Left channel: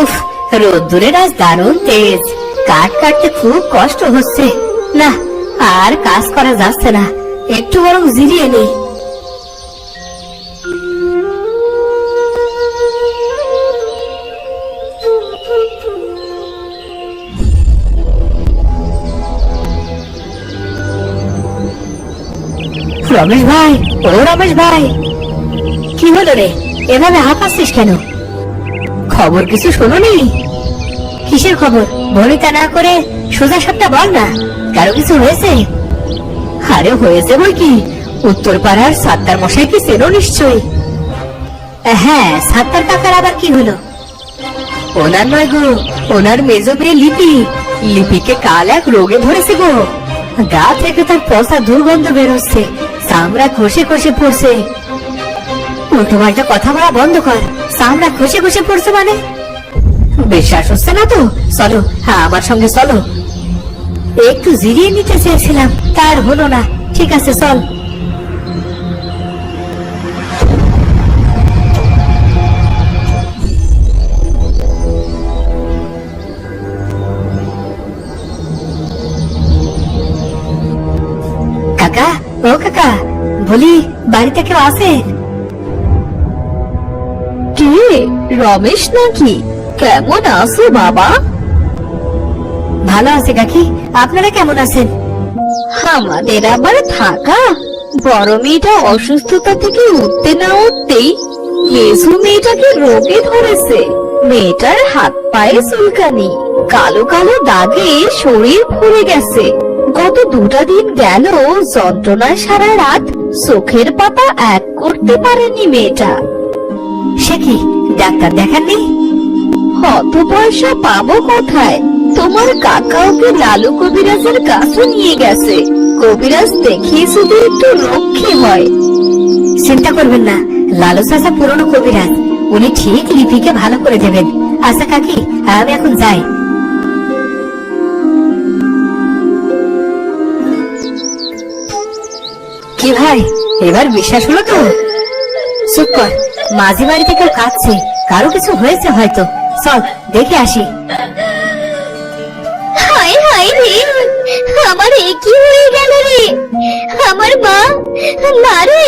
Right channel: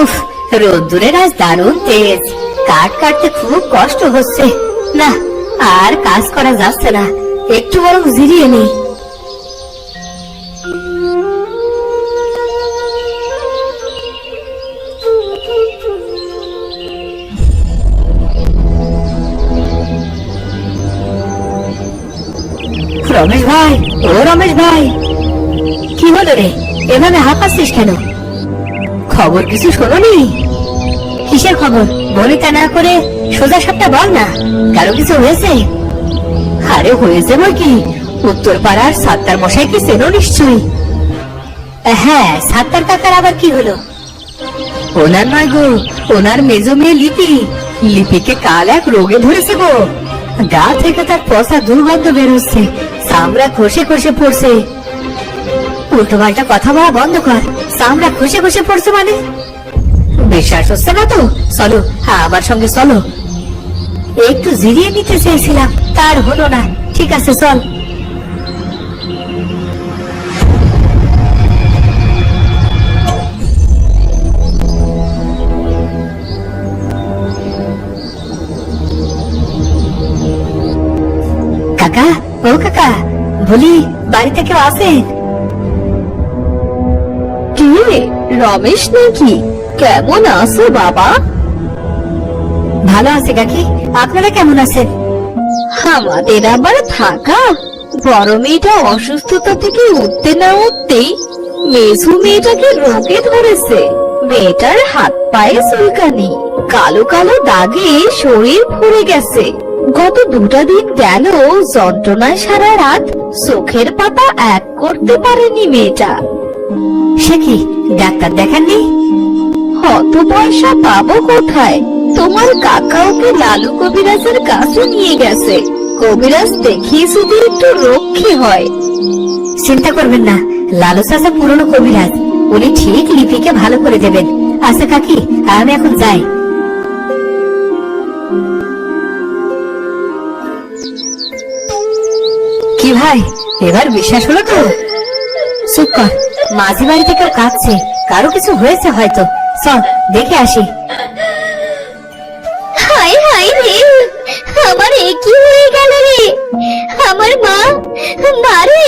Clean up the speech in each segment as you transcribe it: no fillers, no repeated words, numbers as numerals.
উফ, রোদ্দুরের আজ দারুণ তেজ। কাঠ কাটতে খুব কষ্ট হচ্ছে। না, আর কাজ করা যাচ্ছে না, একটু বরং জিরিয়ে নেই। রমেশ ভাই, ও রমেশ ভাই, কি হলো রে? এভাবে হাঁপাচ্ছিস কেন? খবর কিছু শোনো নেই? কিসের খবর? ভনিতা না করে সোজা সাপটা বল না, কারো কিছু হয়েছে? আরে হয়েছে বই কি, উত্তর পাড়ার সাত্তার মশাইকে চেনো নিশ্চয়ই? হ্যাঁ, সাত্তার কাকার আবার কি হলো? ওনার নয় গো, ওনার মেজো মেয়ে লিপি। লিপিকে কাল এক রোগে ধরেছে গো। গা থেকে তার পচা দুর্গন্ধ বেরোচ্ছে, চামড়া খসে খসে পড়ছে। উল্টো পাল্টা কথা বলা বন্ধ কর। চামড়া খসে খসে পড়ছে মানে? বিশ্বাস হচ্ছে না তো? চলো, আমার সঙ্গে চলো। একটু জিরিয়ে নিতে চেয়েছিলাম, তার হলো না। ঠিক আছে, চল। কাকা, ও কাকা, বলি বাড়িতে কেউ আছে? কে, রমেশ নাকি? কেমন আছো বাবা? ভালো আছে কাকি, আপনারা কেমন আছেন? আমাদের আবার থাকা। বড় মেয়েটা অসুস্থতা থেকে উঠতে না উঠতেই মেঝো মেয়েটাকে রোগে ধরেছে। মেয়েটার হাত পায়ে চুলকানি, কালো কালো দাগে শরীর ভরে গেছে। গত 2টা দিন গেল যন্ত্রণায় সারা রাত চোখের পাতা এক করতে পারেনি মেয়েটা। সে কি, ডাক্তার দেখাননি? অত পয়সা পাবো কোথায়? তোমার কাকা ওকে লালু কবিরাজের কাছে নিয়ে গেছে। কবিরাজ দেখিয়ে শুধু একটু রক্ষী হয়। চিন্তা করবেন না, লালু চাচা পুরনো কবিরাজ, উনি ঠিক লিপিকে ভালো করে দেবেন। আচ্ছা কাকি, আমি এখন যাই। কি ভাই, এবার বিশ্বাস হলো তো? চুপ কর, মাঝি বাড়ি থেকে কাঁদছে, কারো কিছু হয়েছে হয়তো। চল দেখে আসি। হায় হায় রে, আমার একই হয়ে গেল রে। আমার মা, মারে,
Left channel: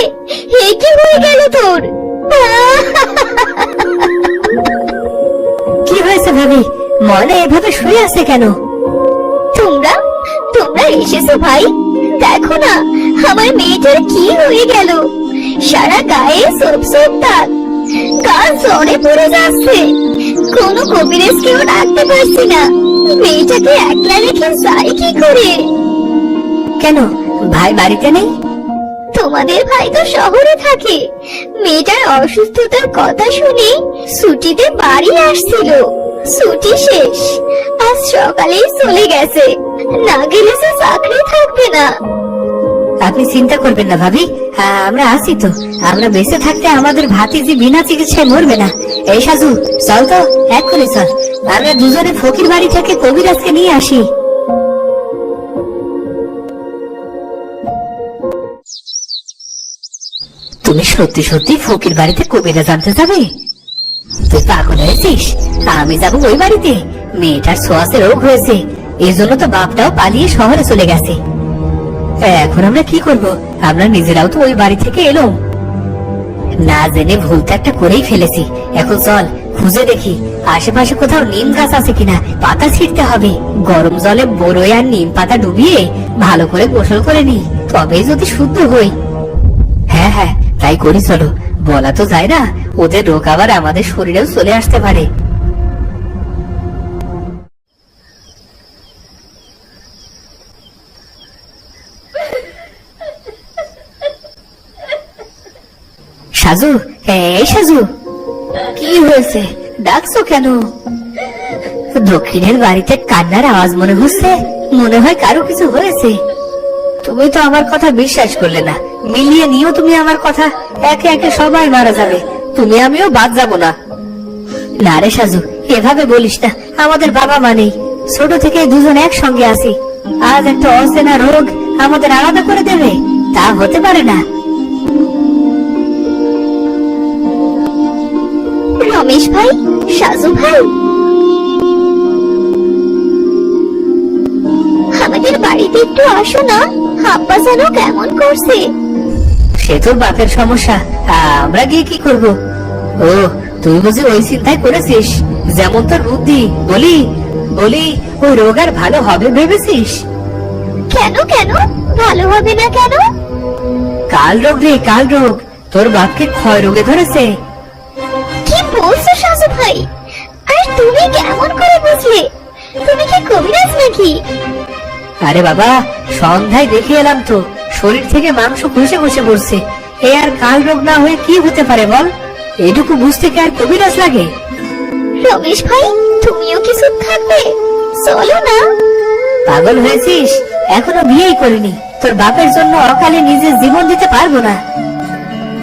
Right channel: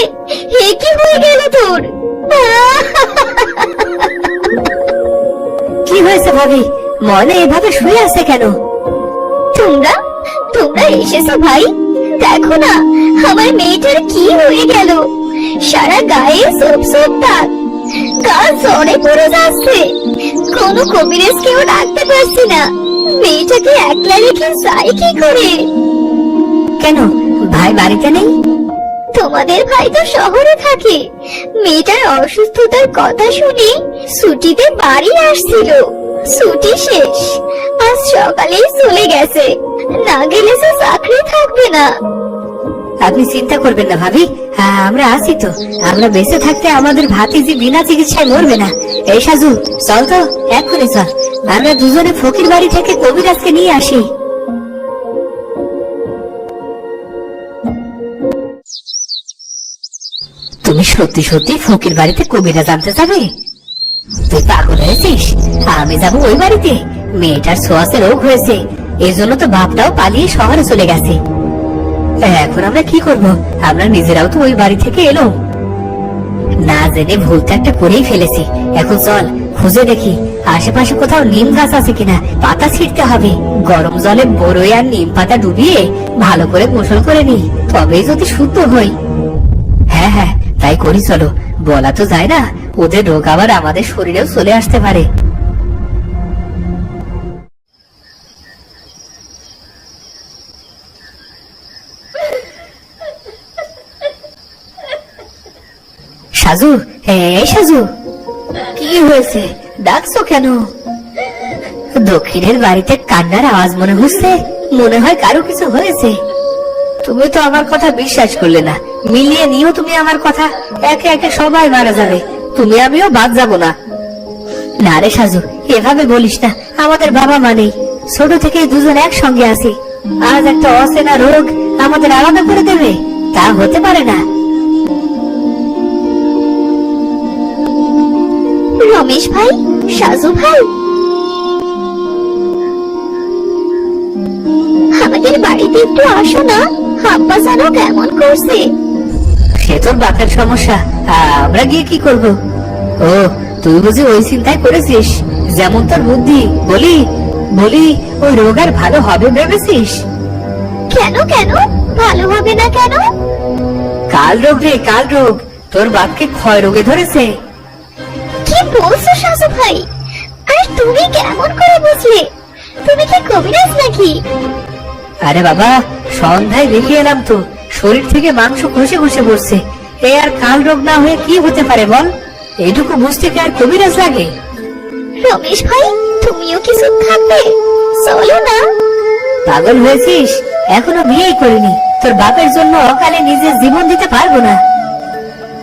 একই হয়ে গেল তোর। কি হয়েছে ভাবি, মনে এভাবে শুয়ে আছে কেন? তোমরা তোমরা এসেছো ভাই, দেখো না আমার মেয়েটার কি হয়ে গেল। সারা গায়ে সব সব দাগ, গা জ্বরে পড়ে যাচ্ছে। কোনো কবিরাজকেও ডাকতে পারছি না। মেয়েটাকে একলা রেখে যাই কি করে? কেন, ভাই বাড়িতে নেই? তোমাদের ভাই তো শহরে থাকে। মেয়েটার অসুস্থতার কথা শুনে ছুটিতে বাড়ি আসছিল। ছুটি শেষ, আজ সকালেই চলে গেছে। না গেলে সে চাকরি থাকবে না। আপনি চিন্তা করবেন না ভাবি, আমরা আছি তো। আমরা বেঁচে থাকতে আমাদের ভাতিজি বিনা চিকিৎসায় মরবে না। এই সাজু, চল তো, এক্ষুনি চল। আমরা দুজনে ফকির বাড়ি থেকে কবিরাজকে নিয়ে আসি। তুমি সত্যি সত্যি ফকির বাড়িতে কবিরাজ আনতে যাবে? তুই পাগল হয়েছিস? আমি যাবো ওই বাড়িতে? মেয়েটার ছোঁয়াচে রোগ হয়েছে, এজন্য তো বাপটাও পালিয়ে শহরে চলে গেছে। এখন আমরা কি করব? আমরা নিজেরাও তো ওই বাড়ি থেকে এলো, না জেনে ভুল তো একটা করেই ফেলেছি। এখন চল খুঁজে দেখি আশেপাশে কোথাও নিম গাছ আছে কিনা। পাতা ছিঁড়তে হবে, গরম জলে বড়ই আর নিম পাতা ডুবিয়ে ভালো করে গোসল করে নি, তবেই যদি শুদ্ধ হই। হ্যাঁ হ্যাঁ, তাই করি চলো। বলা তো যায় না, ওদের রোগ আবার আমাদের শরীরেও চলে আসতে পারে। সাজু, এই সাজু, কি হয়েছে? ডাকছো কেন? দক্ষিণের বাড়িতে কান্নার আওয়াজ মনে হচ্ছে, মনে হয় কারো কিছু হয়েছে। তুমি তো আমার কথা বিশ্বাস করলে না, মিলিয়ে নিও তুমি আমার কথা। একে একে সবাই মারা যাবে, তুমি আমিও বাদ যাবো না। না রে সাজু, এভাবে বলিস না। আমাদের বাবা মা নেই, ছোট থেকে দুজন একসঙ্গে আছি। আজ একটা অচেনা রোগ আমাদের আলাদা করে দেবে, তা হতে পারে না। রমেশ ভাই, সাজু ভাই, বাড়িতে একটু আসো না, আব্বা যেন কেমন করছে। সে তোর বাপের সমস্যা, আমরা গিয়ে কি করব? ও, তুই বুঝি ওই চিন্তাই করেছিস? যেমন তোর বুদ্ধি, বলি বলি ওই রোগ আর ভালো হবে ভেবেছিস? কেন কেন ভালো হবে না কেন? কাল রোগ রে, কাল রোগ। তোর বাপকে ক্ষয় রোগে ধরেছে। কি বলছো সাজু ভাই? আরে তুমি কেমন করে বুঝলে? তুমি কি কবিরাজ নাকি? আরে বাবা, সন্ধ্যায় দেখে এলাম তো, শরীর থেকে মাংস খসে খসে পড়ছে। এ আর কাল রোগ না হয়ে কি হতে পারে বল? এটুকু বুঝতে কি আর কবিরাজ লাগে? রমেশ ভাই, তুমিও কি চুপ থাকবে? চলো না। পাগল হয়েছিস? এখনো বিয়েই করিনি, তোর বাপের জন্য অকালে নিজের জীবন দিতে পারবো না।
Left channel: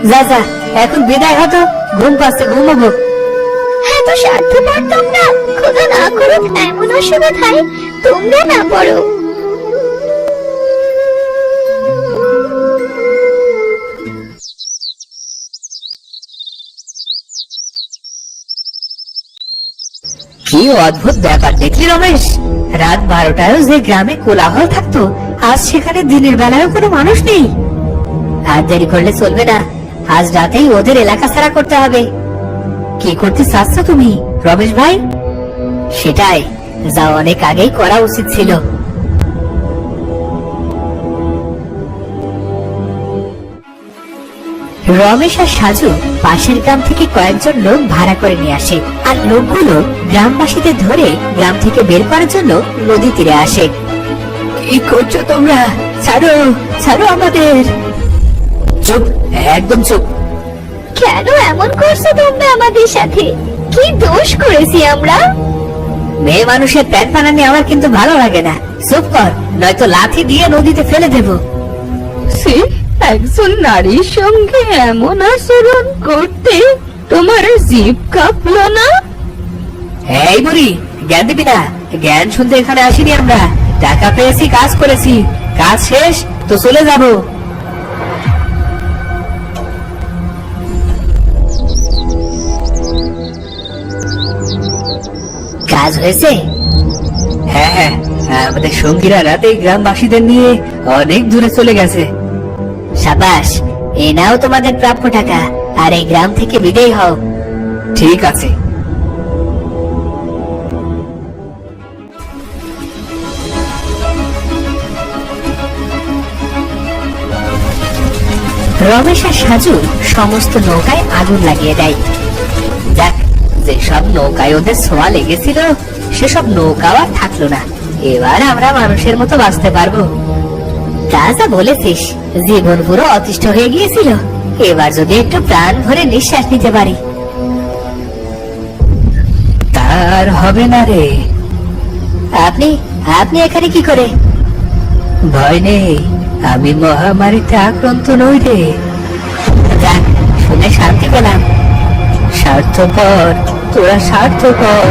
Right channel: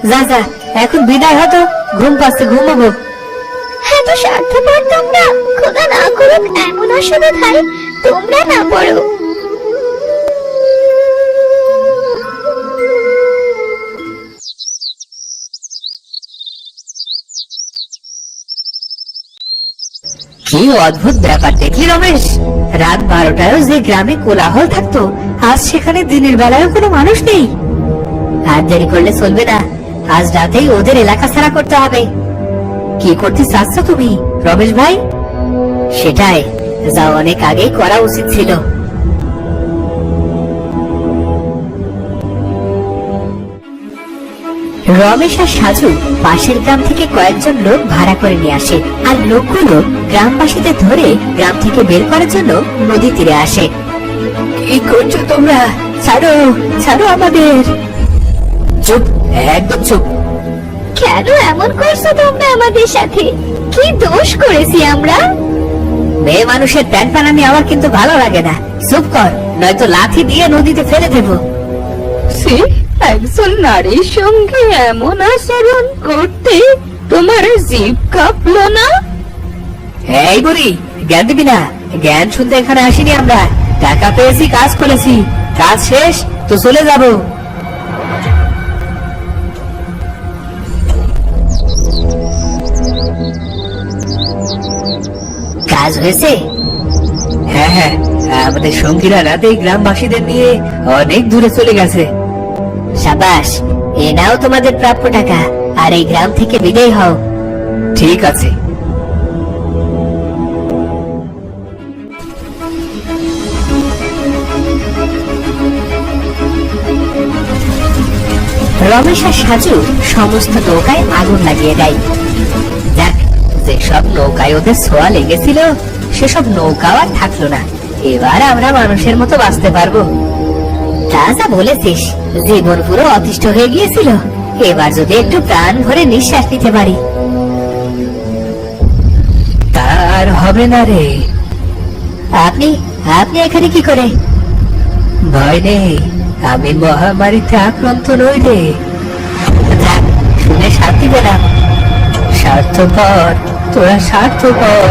যা যা, এখন বিদায় হতো, ঘুম পাচ্ছে, ঘুমাবো। হ্যাঁ, তো স্বার্থপর তোমরা। খোদা না করুক এমন অসুবিধায় তোমরা না পড়ো। কি অদ্ভুত ব্যাপার দেখলি রমেশ? রাত 12টায় যে গ্রামে কোলাহল থাকতো, আজ সেখানে দিনের বেলায় কোনো মানুষ নেই। আর দেরি করলে চলবে না, আজ রাতেই ওদের এলাকা ছাড়া করতে হবে। কি করতে চাচ্ছ তুমি রমেশ ভাই? সেটাই, যা অনেক আগেই করা উচিত ছিল। রমেশ আর সাজু পাশের গ্রাম থেকে কয়েকজন লোক ভাড়া করে নিয়ে আসে, আর লোকগুলো গ্রামবাসীদের ধরে গ্রাম থেকে বের করার জন্য নদী তীরে আসে। কি করছো তোমরা? ছাড়ো, ছাড়ো আমাদের। চুপ, একদম চুপ। কেন এমন করছো তোমরা আমাদের সাথে? কি দোষ করেছি আমরা? মেয়ে মানুষের প্যান বানানি আমার কিন্তু ভালো লাগে না। চুপ কর, নয়তো লাঠি দিয়ে নদীতে ফেলে দেবো। একজন নারীর সঙ্গে এমন আচরণ করতে তোমার জিভ কাঁপলো না? এই বুড়ি, জ্ঞান দিবি না। জ্ঞান শুনতে এখানে আসিনি আমরা। টাকা পেয়েছি, কাজ করেছি, কাজ শেষ তো চলে যাব। কাজ হয়েছে? হ্যাঁ হ্যাঁ, আমাদের সঙ্গীরা রাতে গ্রামবাসীদের নিয়ে অনেক দূরে চলে গেছে। সাবাস, এ নাও তোমাদের প্রাপ্য টাকা, আর এই গ্রাম থেকে বিদায় হও। ঠিক আছে। রমেশ আর সাজু সমস্ত নৌকায় আগুন লাগিয়ে দেয়। যাক, যেসব নৌকায় ওদের ছোঁয়া লেগেছিল সেসব নৌকাও আর থাকলো না। এবার আমরা মানুষের মতো বাঁচতে পারবো। তা যা বলেছিস, জীবন পুরো অতিষ্ঠ হয়ে গিয়েছিল। এবার যদি একটু প্রাণ ভরে নিঃশ্বাস নিতে পারি। তার হবে না রে। আপনি আপনি এখানে কি করে? ভয় নেই, আমি মহামারীতে আক্রান্ত নই রে। যাক, শুনে শান্তি পেলাম। স্বার্থপর, তোরা স্বার্থপর।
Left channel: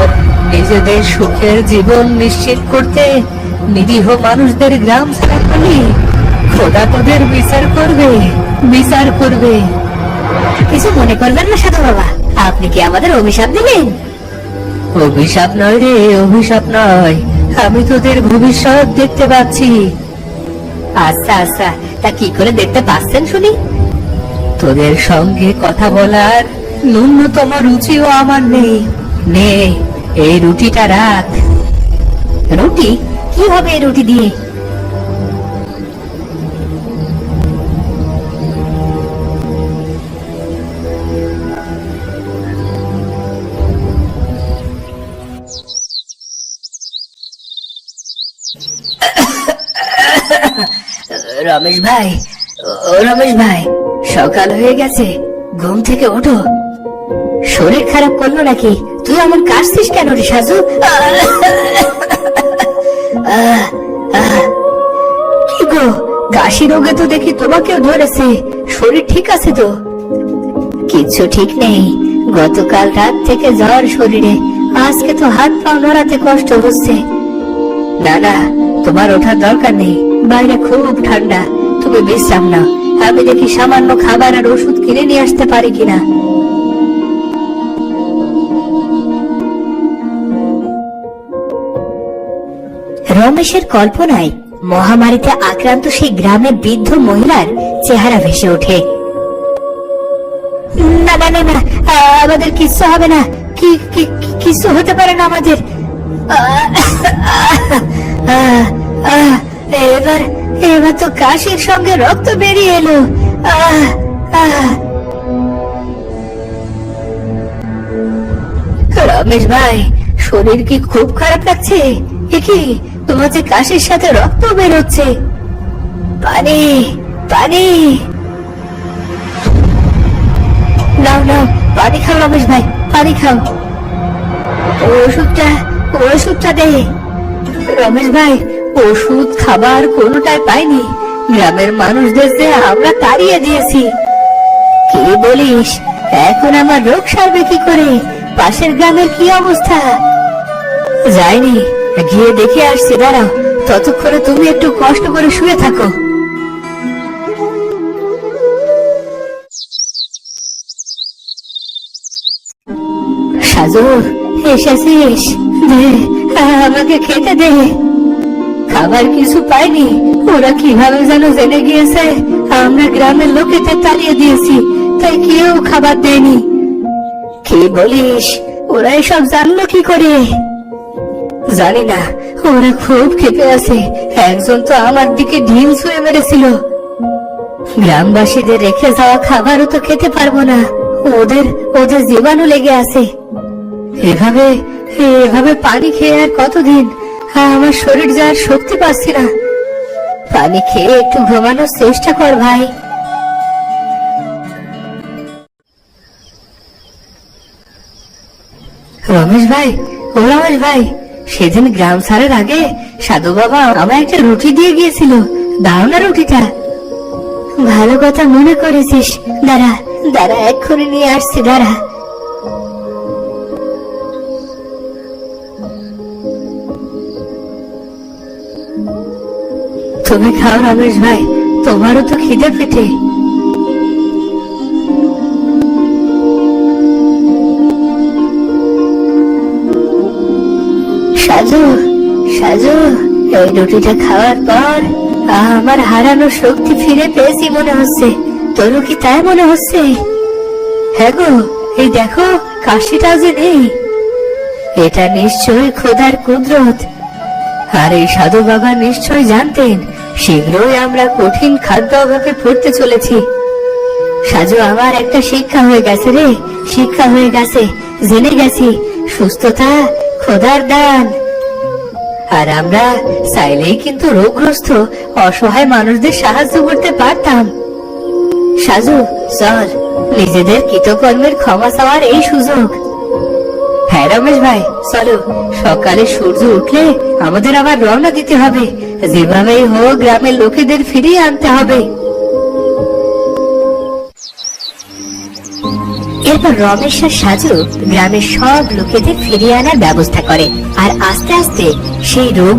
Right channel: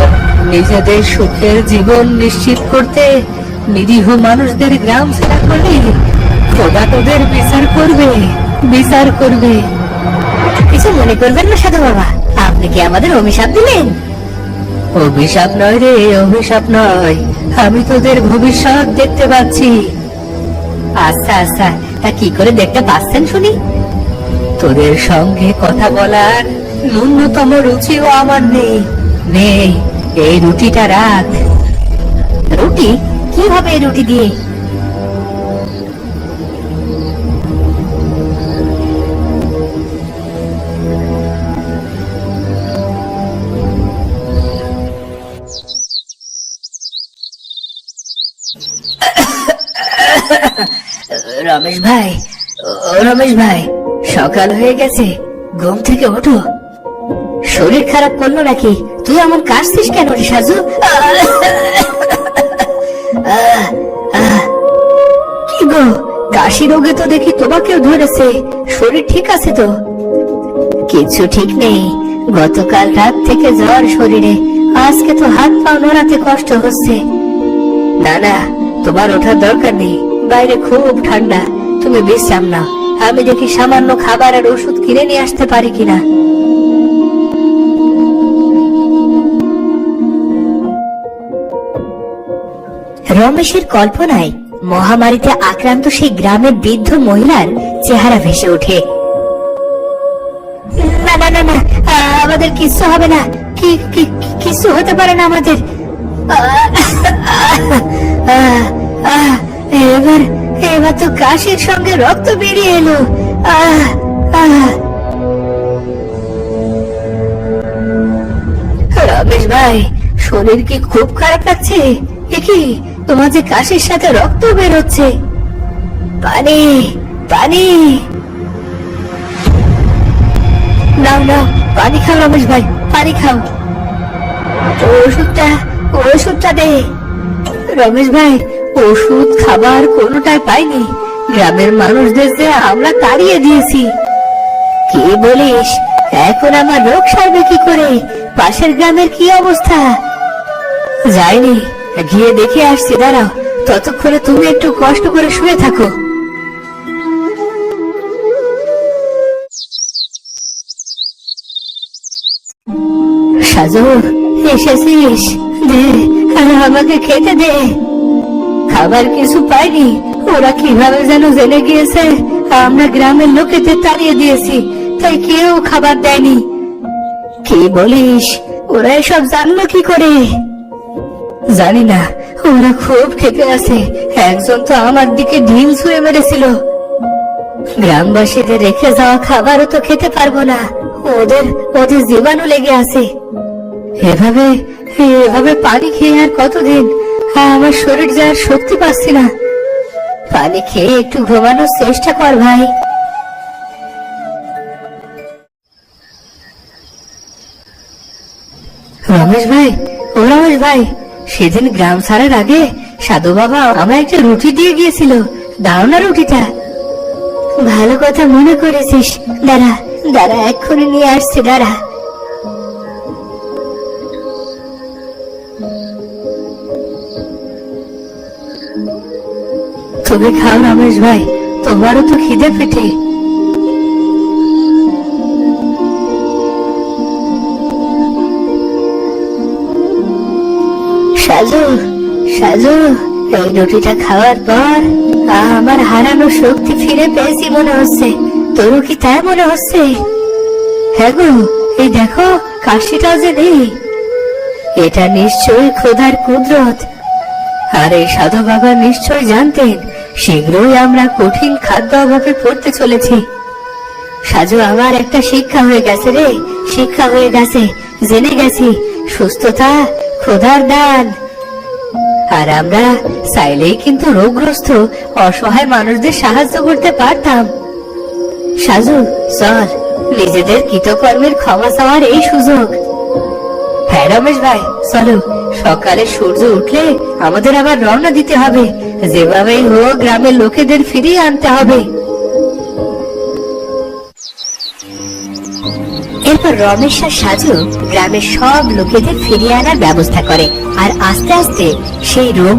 নিজেদের সুখের জীবন নিশ্চিত করতে নিরীহ মানুষদের গ্রাম ছাড়া করলি, খোদা তোদের বিচার করবে, বিচার করবে। কিছু মনে করবেন না সাধু বাবা, আপনি কি আমাদের অভিশাপ দিলেন? অভিশাপ নয় রে, অভিশাপ নয়। আমি তোদের ভবিষ্যৎ দেখতে পাচ্ছি। আচ্ছা আচ্ছা, তা কি করে দেখতে পাচ্ছেন শুনি? তোদের সঙ্গে কথা বলার ন্যূনতম রুচিও আমার নেই। নে, এই রুটিটা রাখ। রুটি? কিভাবে এই রুটি দিয়ে? রমেশ ভাই, ও রমেশ ভাই, সকাল হয়ে গেছে, ঘুম থেকে ওঠো। শরীর খারাপ করলো নাকি? তুই আমার কাশছিস কেন রে সাজু? কি গো, কাশি রোগে তো দেখি তোমাকেও ধরেছে। শরীর ঠিক আছে তো? কিছু ঠিক নেই, গতকাল রাত থেকে জ্বর শরীরে, আজকে তো হাত পা নড়াতে কষ্ট হচ্ছে। না না, তোমার ওঠার দরকার নেই, বাইরে খুব ঠান্ডা। তুমি বিশ্রাম নাও, আমি দেখি সামান্য খাবার আর ওষুধ কিনে নিয়ে আসতে পারি কিনা। রমেশের কল্পনায় মহামারীতে আক্রান্ত সেই গ্রামের বৃদ্ধ মহিলার চেহারা ভেসে ওঠে। না না না না, আমাদের কিচ্ছু হবে না, কিছু হতে পারে না আমাদের। এবার এবার তো কাশির সঙ্গে রক্ত বেরিয়ে এলো। রমেশ ভাই, শরীর কি খুব খারাপ লাগছে? কি তোমার যে কাশির সাথে রক্ত বেরোচ্ছে? পানি পানি নাও নাও, পানি খাও রমেশ ভাই, পানি খাও। ওষুধটা দে। রমেশ ভাই, ওষুধ খাবার কোনোটাই পাইনি। গ্রামের মানুষদের যে আমরা তাড়িয়ে দিয়েছি। কি বলিস? এখন আমার রোগ সারবে কি করে? পাশের গ্রামের কি অবস্থা? যাইনি, গিয়ে দেখে আসছি, দাঁড়াও। ততক্ষণে তুমি একটু কষ্ট করে শুয়ে থাকো। সাজু, এসেছিস? দে, আমাকে খেতে দে। খাবার কিছু পাইনি। ওরা কিভাবে যেন জেনে গিয়েছে আমরা গ্রামের লোকেদের তাড়িয়ে দিয়েছি, তাই কেউ খাবার দেয়নি। কি বলিস? ওরা এসব জানলো কি করে? জানি না, ওরা খুব খেতে আছে। একজন তো আমার দিকে ঢিল ছুঁয়ে মেরেছিল। গ্রামবাসীদের রেখে যাওয়া খাবারও তো খেতে পারবো না, ওদের জীবাণু লেগে আছে। এভাবে এভাবে পানি খেয়ে আর কতদিন? আমার শরীর যাওয়ার শক্তি পাচ্ছি না। পানি খেয়ে একটু ঘুমানোর চেষ্টা কর ভাই। রমেশ ভাই, ও রমেশ ভাই, সেদিন গ্রাম ছাড়ার আগে সাধু বাবা আমায় একটা রুটি দিয়ে গিয়েছিল, দাও না রুটিটা। ভালো কথা মনে করেছিস, দাঁড়া দাঁড়া, এক্ষুনি নিয়ে আসছি, দাঁড়া। তুমি খাও রমেশ ভাই, তোমারও তো খিদে পেটে। সাজু সাজু, এই রুটিটা খাওয়ার পর আমার হারানো শক্তি ফিরে পেয়েছি মনে হচ্ছে। তোর কি তাই মনে হচ্ছে? হ্যাঁ গো, এই দেখো কাশিটা যে নেই। এটা নিশ্চয় খোদার কুদরত। আর এই সাধু বাবা নিশ্চয় জানতেন শীঘ্রই আমরা কঠিন খাদ্য অভাবে পড়তে চলেছি। সাজু, আমার একটা শিক্ষা হয়ে গেছে রে, শিক্ষা হয়ে গেছে। জেনে গেছি সুস্থতা খোদার দান। আর আমরা চাইলেই কিন্তু রোগগ্রস্ত অসহায় মানুষদের সাহায্য করতে পারতাম। সাজু, চল, নিজেদের কৃতকর্মের ক্ষমা চাওয়ার এই সুযোগ। হ্যাঁ রমেশ ভাই, চলো। সকালে সূর্য উঠলে আমাদের আবার রওনা দিতে হবে। যেভাবেই হোক গ্রামের লোকেদের ফিরিয়ে আনতে হবে। এরপর রমেশ আর সাজু গ্রামের সব লোকেদের ফিরিয়ে আনার ব্যবস্থা করে। আর আস্তে আস্তে সেই রোগ